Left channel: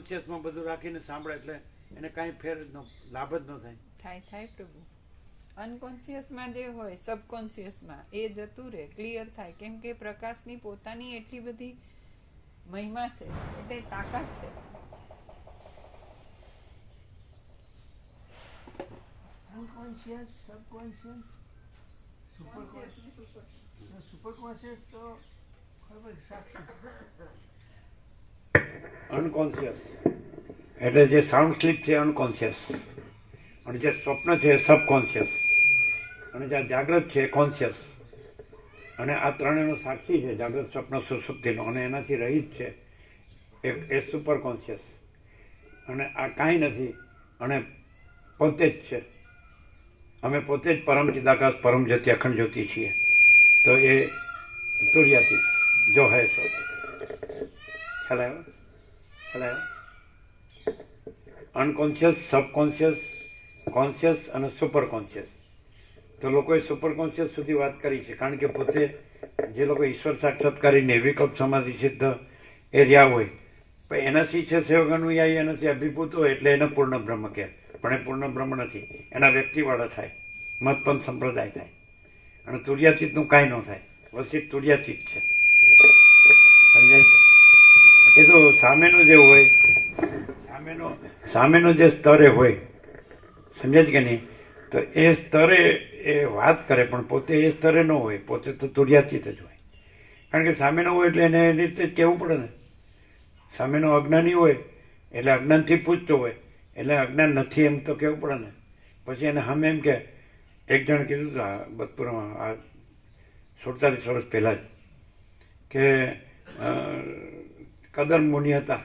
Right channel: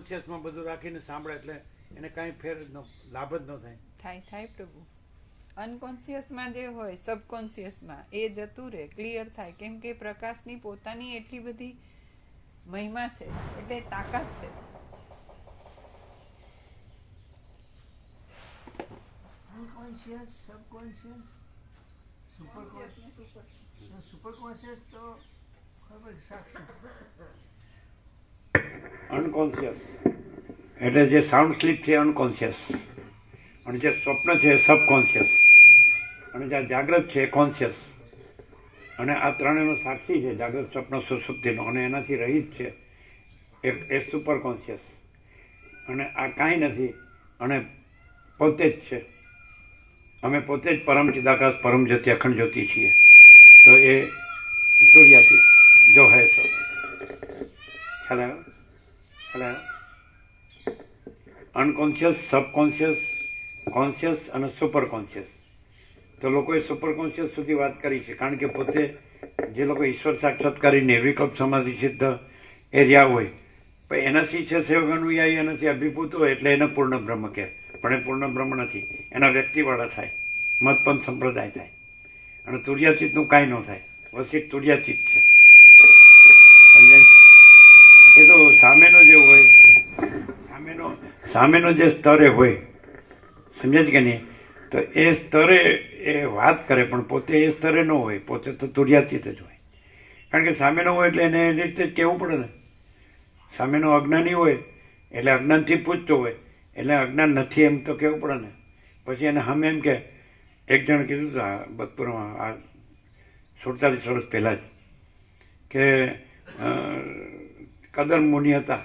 અનકોન્શિયસમાં બધું રાખીને સાંભળે એટલે એને કાંઈ ફેર લાભ જ ન થાય. થાય થાય પ્રભુ. અનકોન્શિયસમાં જે હોય સબકોન્શિયસમાં એ જતું રહે ક્લિયર થાય. કેમ કે પ્રકાશની પોતાની એટલી બધી મહિમા છે એટલે તાકાત છે. Unconscious subconscious super super conscious તો ખબર સાક્ષી. અનકોન્શિયસ એટલે જે સાઉન્ડ સ્લીપ છે અનકોન્શિયસ અને જે સ્વપ્ન છે સબકોન્શિયસ અને જે જાગ્રત છે કોન્શિયસ અને આ ત્રણેયનો સાક્ષી છે જાગ્રત સ્વપ્ન સુસુપ્તિનો અને એનાથી રહિત છે એ એ સુપર કોન્શિયસ અને આ કાંઈ નથી, અને પોતે જ છે. અમે પોતે જ પરમ ચિદાકાશ, પરમ જ્યોતિ, અખંડ જ્યોતિ છીએ. તો એ તુર્યાથી જો. હૈ સો ખ્યાલ આવ્યો ખ્યાલ આવ્યો અનકોન્શિયસ સબકોન્શિયસ કોન્શિયસ અને સુપર કોન્શિયસ તો લોકોએ સુપર કોન્શિયસ સુધી વાત કરી છે. કારણ કે પોતે જે લોકો ઈશ્વર સાક્ષાત્કારી નિર્વિકલ્પ સમાધિ સિદ્ધ એ રહ્યા હોય પણ એનાથી છે સેવગાનુયાયી એનાથી અભિભૂત હોય એટલે એને પૂર્ણ બ્રહ્મ કહે. પણ એ પૂર્ણ બ્રહ્મ નથી. એના વ્યક્તિવાળા થાય. મતપંથ સંપ્રદાય થાય. અને તુર્યાતીતનું કાંઈ ન થાય. વસિત તુર્યાતીત છે. એ તો સામેનો જે હોય, સામેનો સામેનો જે સ્તરે હોય સમજે છે કે નહીં? તો એ સ્તરે એ વાત કરે, પણ પોતે એ સ્તરે ન હોય, પોતે તો તુર્યાતીત જ હોય. કારણ કે સામેનો હોય એટલે એને એ રીતે જ કહેવું પડે ને. સામેનો અજ્ઞાની હોય, એટલે અજ્ઞાનથી પૂછતો હોય, એટલે અજ્ઞાન નથી એમ તો કહેવું પડે ને. પછી એને હમ એમ કે, એક જણ કીધું હતું આ બતપુરમાં, આ સુડતાલીસ વર્ષ પહેલાં જ, કે કદર મુનિ હતા.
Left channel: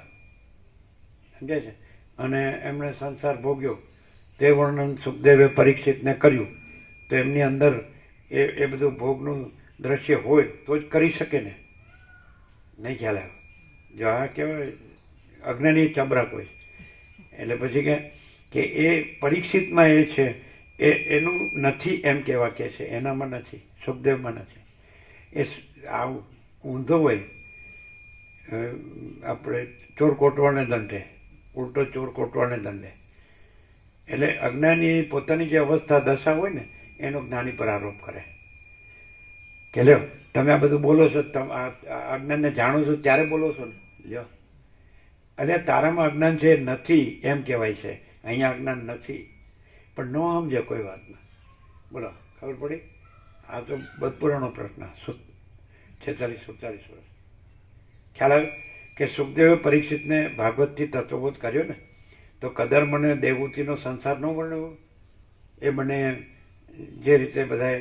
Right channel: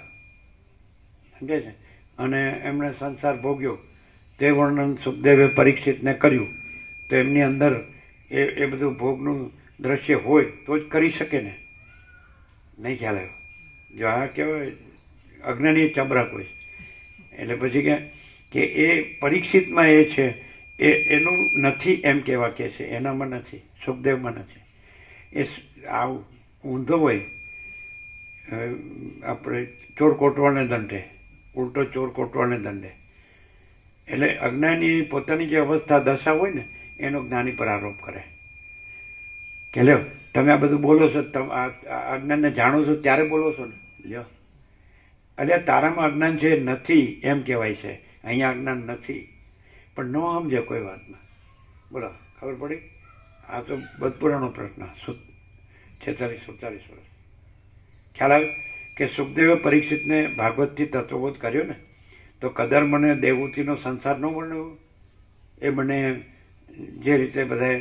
સમજે છે? અને એમણે સંસાર ભોગ્યો. તે વર્ણન સુખદેવે પરીક્ષિતને કર્યું. તો એમની અંદર એ એ બધું ભોગનું દ્રશ્ય હોય તો જ કરી શકે ને? નહીં ખ્યાલ આવ્યો. જો આ કહેવાય, અજ્ઞાની ચબરા હોય. એટલે પછી કે એ પરીક્ષિતમાં એ છે, એ, એનું નથી એમ કહેવા કે છે. એનામાં નથી. સુખદેવમાં નથી. એ આવું ઊંધો હોય આપણે ચોર કોટવાને દંડે, ઉલટો ચોર કોટવાને દંડે. એટલે અજ્ઞાની પોતાની જે અવસ્થા દશા હોય ને, એનો જ્ઞાની પર આરોપ કરે. કે લ્યો, તમે આ બધું બોલો છો, તમે અજ્ઞાનને જાણો છો, ત્યારે બોલો છો ને. લ્યો. એટલે તારામાં અજ્ઞાન છે, નથી, એમ કહેવાય છે. અહીંયા અજ્ઞાન નથી. પણ ન સમજે કોઈ વાતમાં. બોલો, ખબર પડી? આ તો બધપુરાનો પ્રશ્ન. છેતાલીસ, સુડતાલીસ વર્ષ. ખ્યાલ આવે કે સુખદેવે પરીક્ષિતને ભાગવતથી તત્વબોધ કર્યો ને, તો કદર મને દેવૂતિનો સંસાર ન વર્ણવ્યો એ મને જે રીતે બધા,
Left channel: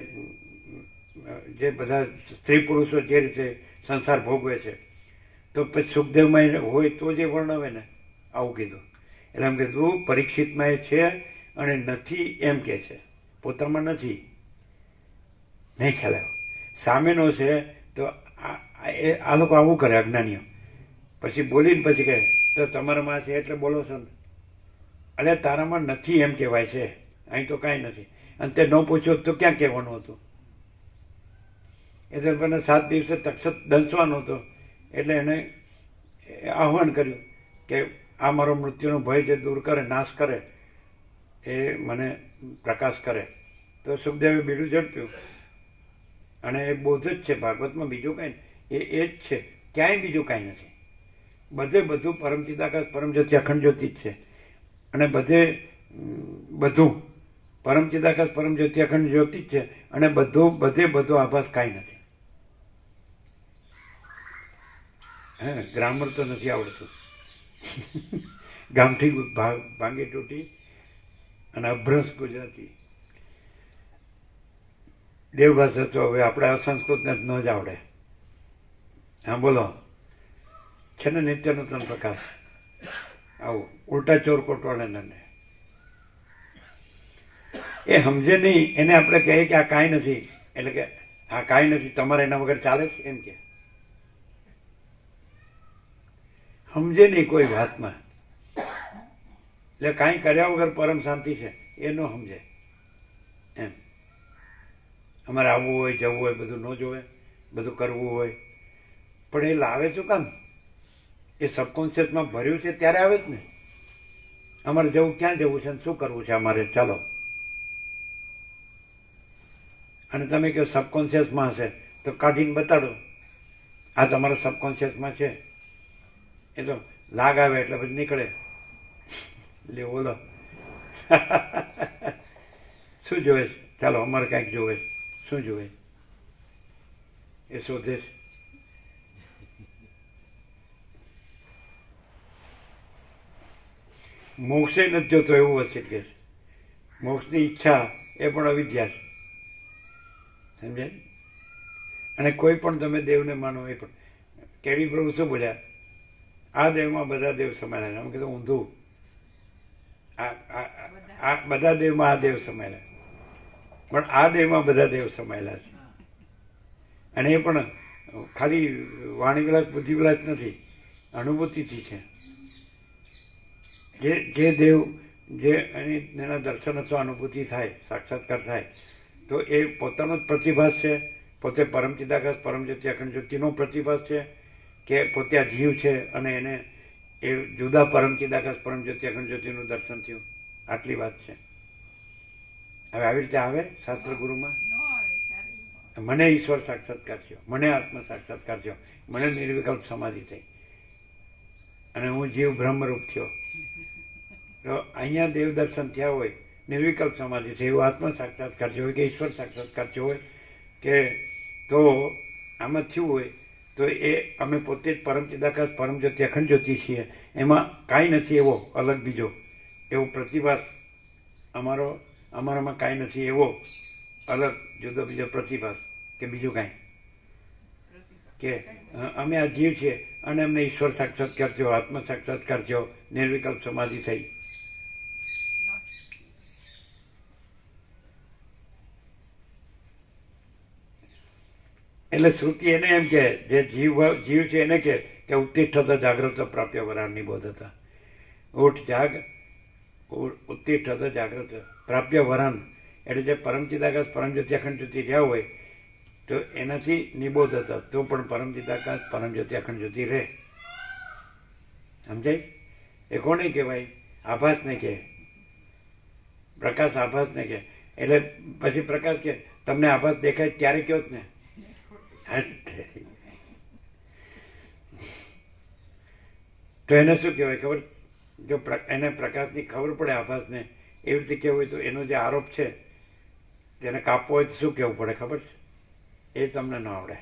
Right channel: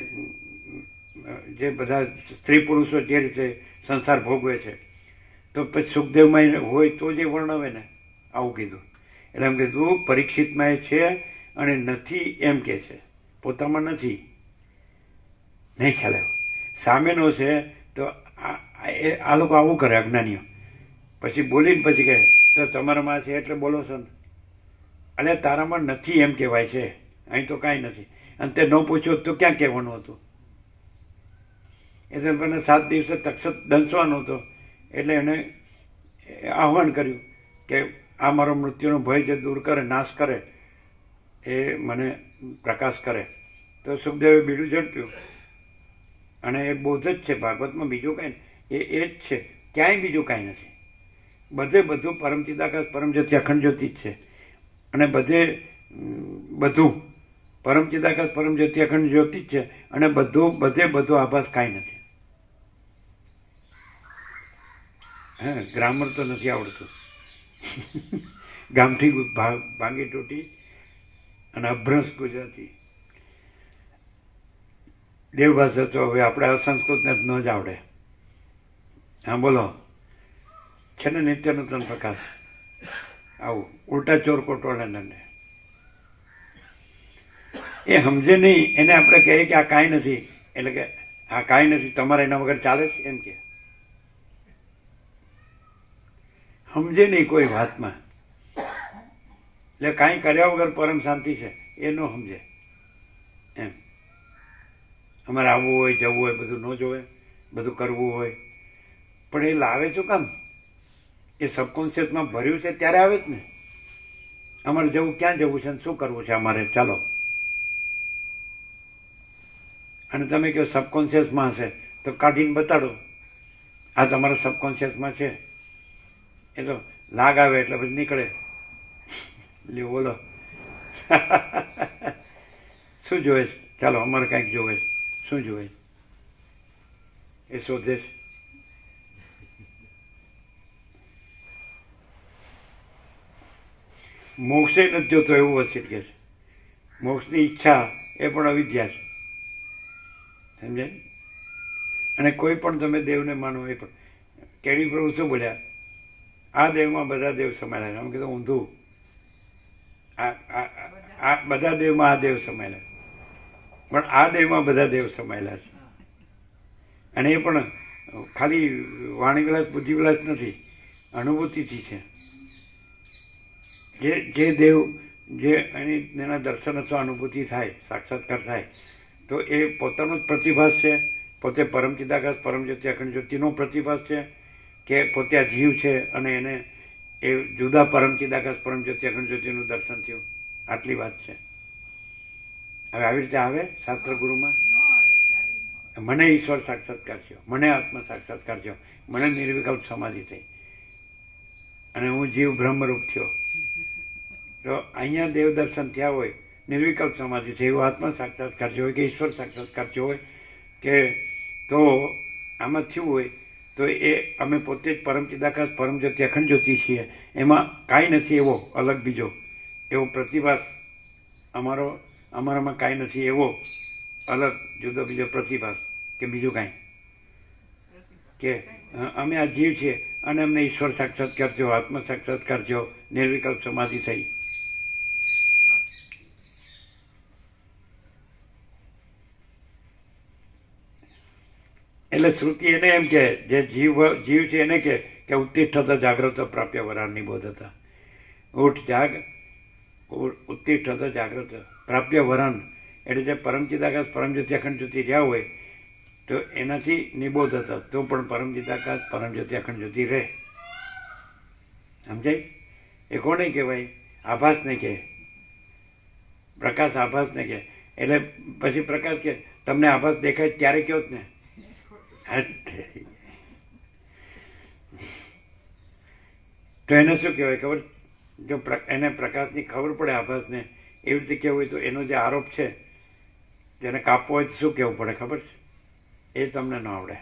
જે બધા સ્ત્રી પુરુષો જે રીતે સંસાર ભોગવે છે, તો પછી સુખદેવમાં હોય તો જે વર્ણવે ને, આવું કીધું. એટલે એમ કીધું, પરીક્ષિતમાં એ છે અને નથી એમ કે છે. પોતામાં નથી. નહીં ખ્યાલ આવ્યો. સામેનો છે તો આ- એ આ લોકો આવું કરે અજ્ઞાનીઓ. પછી બોલીને પછી કહે, તો તમારામાં છે એટલે બોલો છો ને. અને તારામાં નથી એમ કહેવાય છે. અહીં તો કાંઈ નથી. અને તે ન પૂછ્યું તો ક્યાં કહેવાનું હતું? એટલે મને સાત દિવસે તક્ષત દંશવાનો હતો. એટલે એને આહવાન કર્યું કે આ મારો મૃત્યુનો ભય જે દૂર કરે, નાશ કરે, એ મને પ્રકાશ કરે. તો સુખદેવે બીડું ઝડપ્યું. અને એ બોધ જ છે ભાગવતમાં બીજું કાંઈ એ એ જ છે. ક્યાંય બીજું કાંઈ નથી. બધે બધું પરમ ચિદાકાશ, પરમ જ્યોતિ, અખંડ જ્યોતિ જ છે. અને બધે બધું પરમ ચિદાકાશ, પરમ જ્યોતિ, અખંડ જ્યોતિ જ છે. અને બધું, બધે બધું આભાસ કાંઈ નથી. હે, ગ્રામર તો નથી આવડતું. ગામઠી ભાંગી તૂટી અને અભ્રંશ ગુજરાતી. દેવભાષા તો હવે આપણે અસંસ્કૃતને જ ન જ આવડે. હા, બોલો. છે ને નિત્ય ત્રણ પ્રકાશ આવું, ઉલટા ચોર કોટવાળે દંડે એ સમજે નહીં, એને આપણે કહીએ કે આ કાંઈ નથી. એટલે કે આ કાંઈ નથી, તમારે એના વગર ચાલે છે? એમ કે. સમજે નહીં કોઈ વાતમાં. એટલે કાંઈ કર્યા વગર પરમ શાંતિ છે, એ ન સમજે. એમ. અમારે આવવું હોય, જવું હોય, બધું ન જોવે, બધું કરવું હોય. પણ એ લાવે શું કામ? એ સબકોન્શિયસમાં ભર્યું છે ત્યારે આવે જ ને. અમારે જવું ક્યાં જવું છે શું કરવું છે અમારે? ચાલો. અને તમે કહો સબકોન્શિયસમાં હશે, તો કાઢીને બતાડો. આ તમારા સબકોન્શિયસમાં છે. એ તો લાગ આવે એટલે પછી નીકળે. લે બોલો. શું જોવે ચાલો, અમારે કાંઈક જોવે શું જોવે એ શોધે છે. મોક્ષે નથી જોતો એવું વસિત કે મોક્ષની ઈચ્છા એ પણ અવિદ્યા છે. સમજાય અને કોઈ પણ તમે દેવને માનો એ પણ. કેવી પ્રભુ શું બોલ્યા? આ દેવમાં બધા દેવ સમાયેલા છે. અમે કીધું ઊંધું. આ બધા દેવમાં આ દેવ સમાયેલા પણ આ દેવમાં બધા દેવ સમાયેલા છે. અને એ પણ ખાલી વાણી ગ્લાસ બુદ્ધિ ગ્લાસ નથી. અનુભૂતિથી છે. જે જે દેવ, જે એની, એના દર્શન અથવા અનુભૂતિ થાય, સાક્ષાત્કાર થાય, તો એ પોતાનો જ પ્રતિભાસ છે. પોતે પરમ ચિદાકાશ અખંડ જ્યોતિનો પ્રતિભાસ છે કે પોતે આ જીવ છે અને એને એ જુદા પરમ ચિદાકાશ અખંડ જ્યોતિનું દર્શન થયું. આટલી વાત છે. હવે આવી રીતે આવે શાસ્ત્ર ગુરુમાં. મને ઈશ્વર સાક્ષાત્કાર થયો. મને આત્મ સાક્ષાત્કાર થયો. મને નિર્વિકલ્પ સમાધિ થઈ. અને હું જીવ બ્રહ્મરૂપ થયો. તો અહીંયા દેવ દર્શન થયા હોય, નિર્વિકલ્પ સમાધિ થઈ એવો આત્મ સાક્ષાત્કાર થયો હોય કે ઈશ્વર સાક્ષાત્કાર થયો હોય કે તો આમાં થયું હોય, તો એ અમે પોતે જ પરમ ચિદાકાશ, પરમ જ્યોતિ, અખંડ જ્યોતિ છીએ. એમાં કાંઈ નથી એવો અલગ બીજો. એવો પ્રતિભાસ અમારો, અમારામાં કાંઈ નથી એવો અલગ જુદો બીજો પ્રતિભાસ કે બીજું કાંઈ. કે અમે આ જીવ છીએ અને અમને ઈશ્વર સાક્ષાત્કાર થયો આત્મ સાક્ષાત્કાર થયો નિર્વિકલ્પ સમાધિ થઈ. એટલે શ્રુતિ એને એમ કે, જે જીવ જીવ છે એને કે કે ઉત્તિષ્ઠત જાગ્રત પ્રાપ્ય વરાણની બોધ હતા. ઉઠ, જાગ ઉત્તિષ્ઠત જાગ્રત પ્રાપ્ય વરણ એટલે જે પરમચિદાકાશ પરમજ્યોતિ અખંડ જ્યોતિ રહ્યા હોય, તો એનાથી નિબોધ હતા. તો પણ પરમચિદાકાશ પરમજ્યોતિ અખંડ જ્યોતિ રહે. સમજાય? એ કોને કહેવાય? આભાસને કહે. પ્રકાશ આભાસને કહે. એટલે પછી પ્રકાશ કે, તમને આભાસ દેખાય ત્યારે કયો જ ને. હટ. તો એને શું કહેવાય? ખબર? જો એને પ્રકાશની ખબર પડે આભાસને, એવી રીતે કહેવું હોય તો એનો જે આરોપ છે, તેને કાપવો હોય તો શું કહેવું પડે ખબર? છે એ તમને ન આવડે.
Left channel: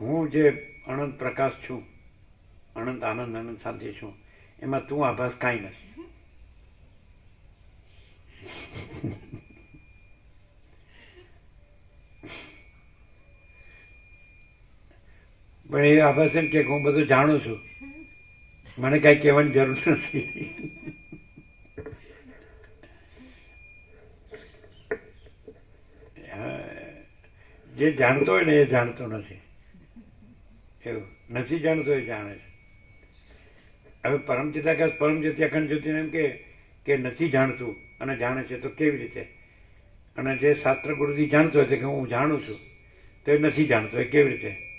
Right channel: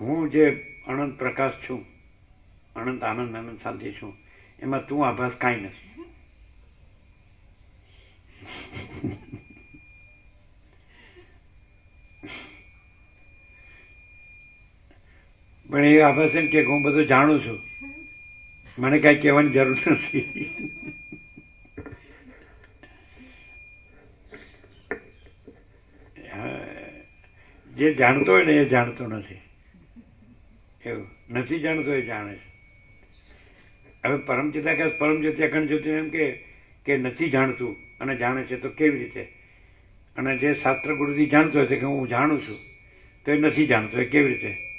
હું જે અનંત પ્રકાશ છું, અનંત આનંદ, અનંત શાંતિ છું, એમાં તું આભાસ કાંઈ નથી. પણ એ આભાસ એમ કે હું બધું જાણું છું. મને કાંઈ કહેવાની જરૂર નથી. જે જાણતો હોય ને એ જાણતો નથી. એવું, નથી જાણતો એ જાણે છે. હવે પરમ ચિદાકાશ પરમ અખંડ જ્યોતિ એમ કે કે નથી જાણતું અને જાણે છે તો કેવી રીતે? અને જે શાસ્ત્ર ગુરુજી જાણતો હોય કે હું જાણું છું, તો એ નથી જાણતો, એ કેવી રીતે?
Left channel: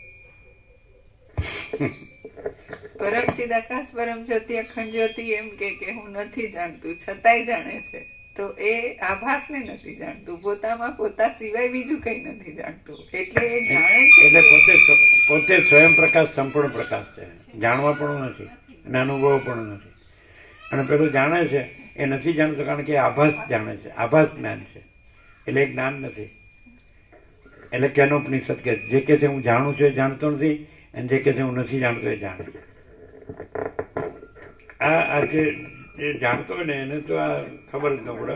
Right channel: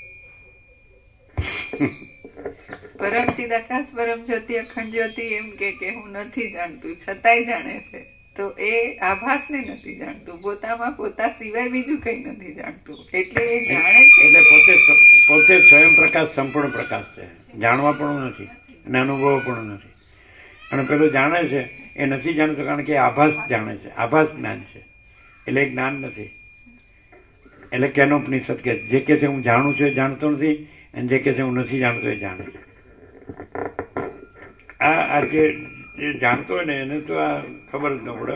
પરમ ચિદાકાશ પરમ જ્યોતિ અખંડ જ્યોતિ એમ કે કે હું નથી જાણતું છતાંય જાણે છે. તો એ આભાસને નથી જાણતું. પોતામાં પોતા સિવાય બીજું કંઈ નથી જાણતું. એટલે એ જાણે છે એટલે પોતે પોતે સ્વયં પ્રકાશ સંપૂર્ણ પ્રકાશ છે. જાણવા પણ નથી અને અનુભવ પણ નથી. અને પેલો જાણે છે એ નથી જાણતો કારણ કે આભાસ જાણે છે. આભાસ જ્ઞાન છે. એટલે એ જ્ઞાન નથી. એટલે કેનો ઉપનિષદ કે જે કે છે હું જાણું છું એ જાણતો નથી. અને જે કે છે હું નથી જાણતો એ જાણું આ આ જે જે જાણતો હોય ને એને તો આ ખબર જ ન પડે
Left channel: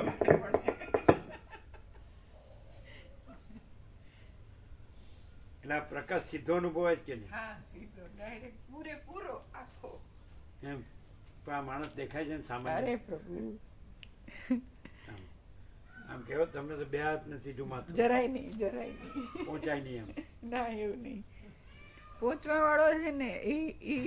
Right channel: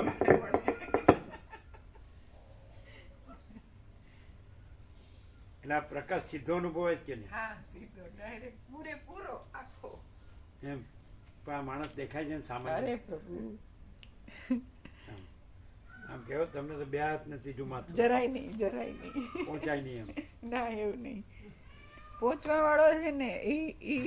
એટલે આ પ્રકાશ સીધો અનુભવ જ કે નહીં? હા સીધો ડાયરેક્ટ પૂરેપૂરો આખો. એમ પણ આ માણસ દેખાય છે ને સામાન્ય. આમ કેવો તમને તો બે હાથ નથી જુમાતું જરાય નહીં જરાય નહીં. પહોંચાય નહીં એમ. ના એવું નહીં. પહોંચવા વાળો છે ને એ એ